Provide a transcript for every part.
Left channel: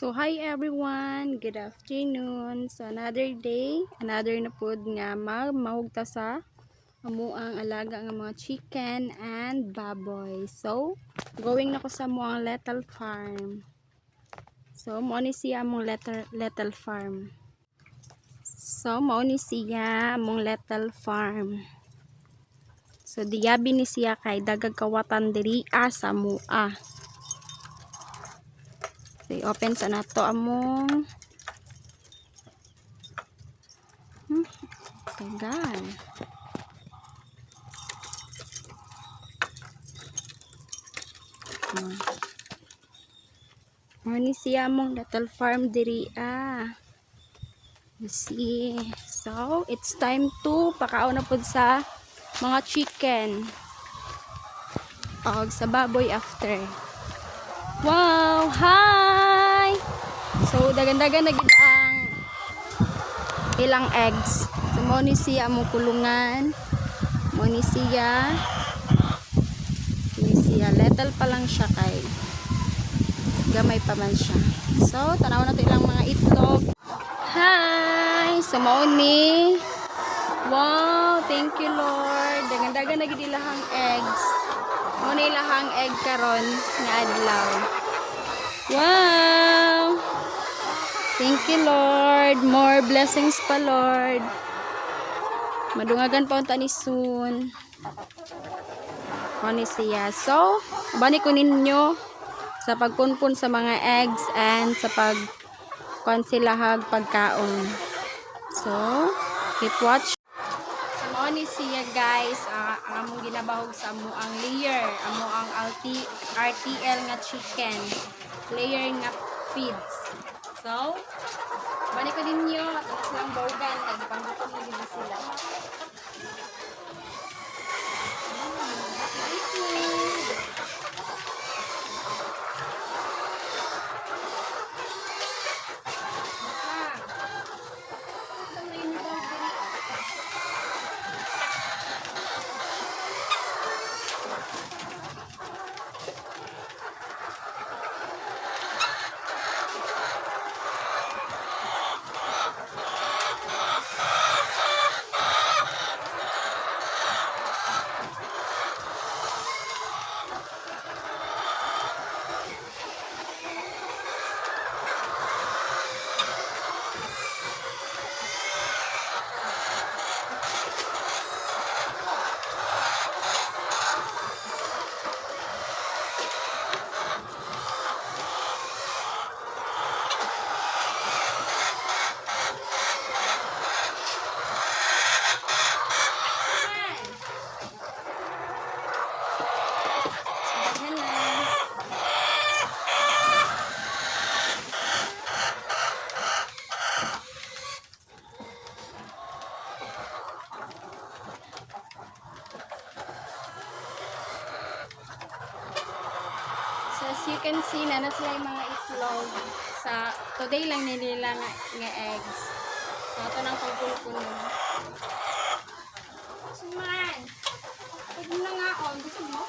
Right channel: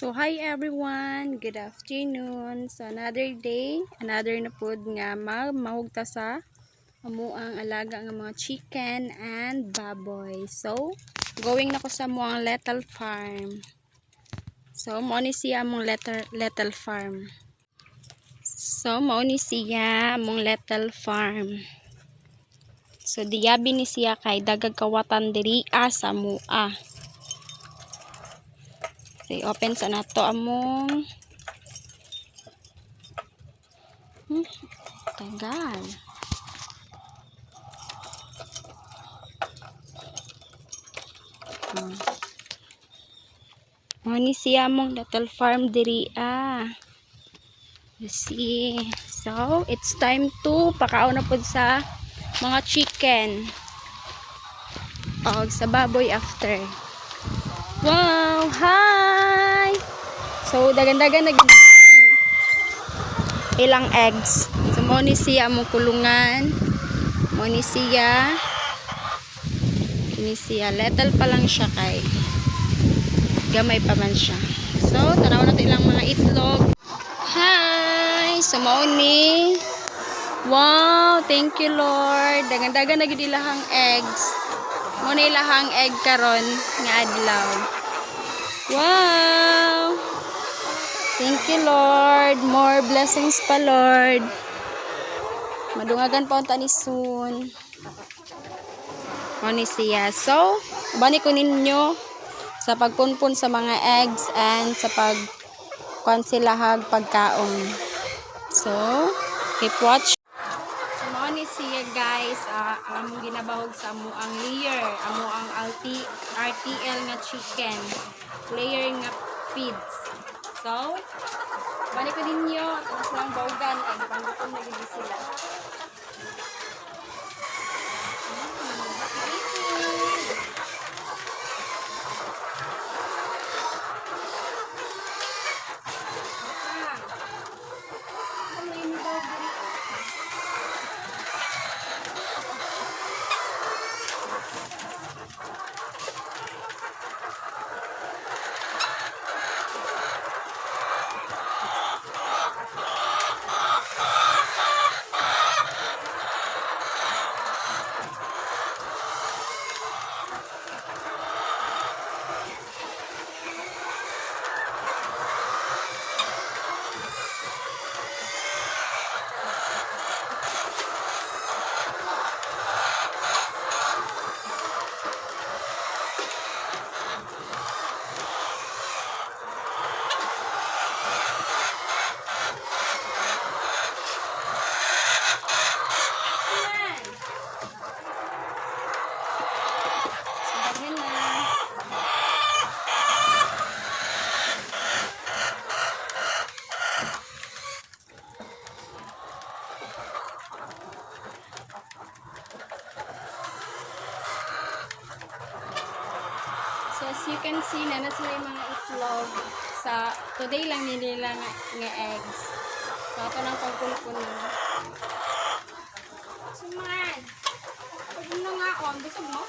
So hi everyone, good afternoon. So another day, another na pod nga mahugta sa amuang alaga nga mga chicken and baboy. So going na ko sa amuang little farm. So mao ni siya among little farm. So mao ni siya among little farm. So diyabi ni siya kay dagag kawatan diri sa mua. So open sa nato among tagal. Mani siya mong little farm diri You see. So, it's time to pakaon na pud sa mga chicken. O sa baboy after. Wow! Hi! So, dagan-dagan na gid ang ilang eggs. So, mani siya mong kulungan. Mani siya. Kini siya. Little pa lang siya kay gamay pa man siya. So, tanaw na ito ilang mga itlog. Hi! So, mauni. Wow! Thank you, Lord. Dagan-dagan na gid ilahang eggs. Muna ilahang egg karon nga adlaw. Wow! Thank you, Lord. More blessings pa, Lord. Madungagan pa unta ni soon. Mauni siya. So, bani ko ninyo sa pagpunpun sa mga eggs and sa pagkonsilahag pagkaon. So, keep watch. So, mauni siya guys, ang among ginabahog sa amuang layer, amuang RTL nga chicken, layer nga feeds. So, bani ko ninyo at ang silang bawgan, kay panggutom na gid sila. So as you can see, na sila yung mga itlog sa today lang nila nga eggs. So ito lang pagpulpun mo. Suman! Pag na nga on, busog mo?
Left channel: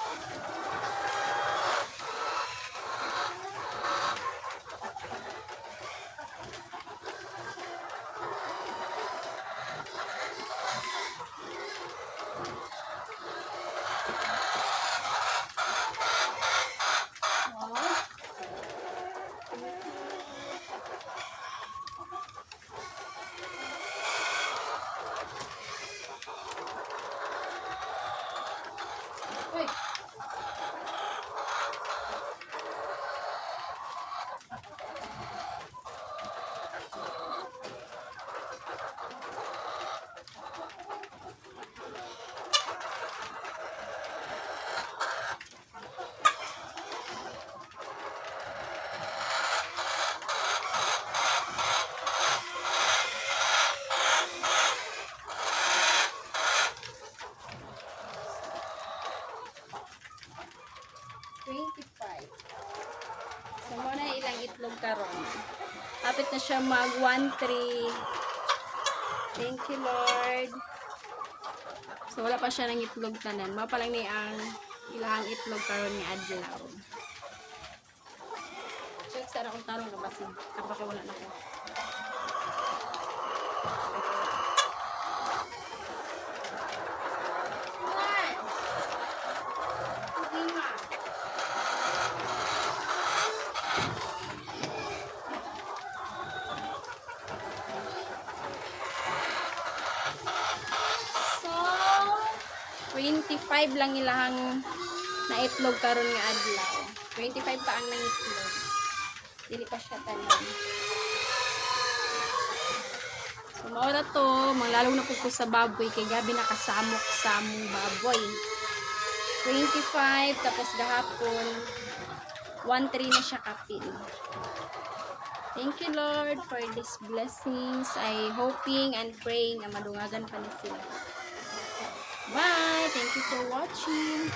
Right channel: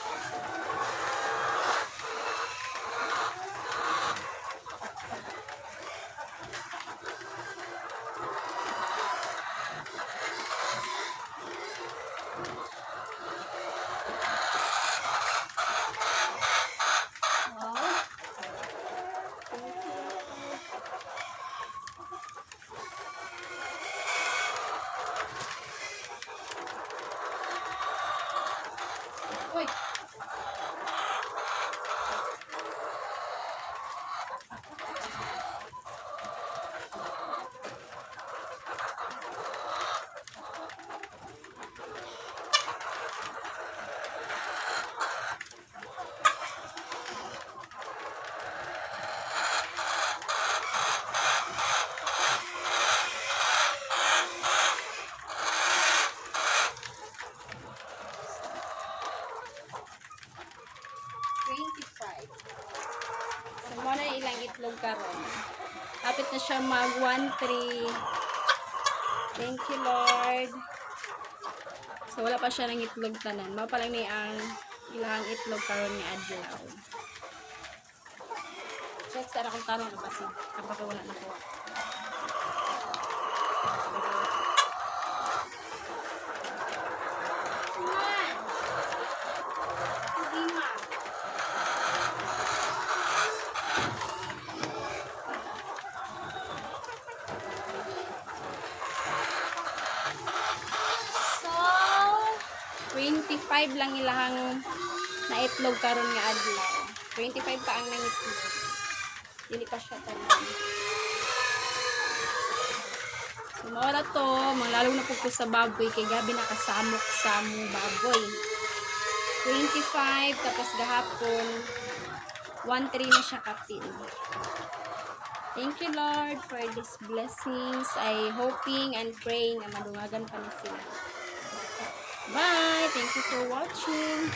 Uy! So, muna ilang itlog karon. Kapit na siya mag 1-3. Thank you, Lord. So, wala pa siya ng itlog tanan. Mao pa lang ni ang ilang itlog karon ni adlaw. So, Text na akong tanong na basi. Kapag wala na ko. So, 25 lang ilang na itlog karon nga adlaw. 25 pa ang nangitlog. Dili pa siya tanan. So, mao na to, manglalong na po ko sa baboy kay gabi nakasamok sa mong baboy. 25 tapos gahapon 1-3 na siya kapin. Thank you Lord for these blessings. I hoping and praying na madungagan pa na sila. Bye! Thank you for watching.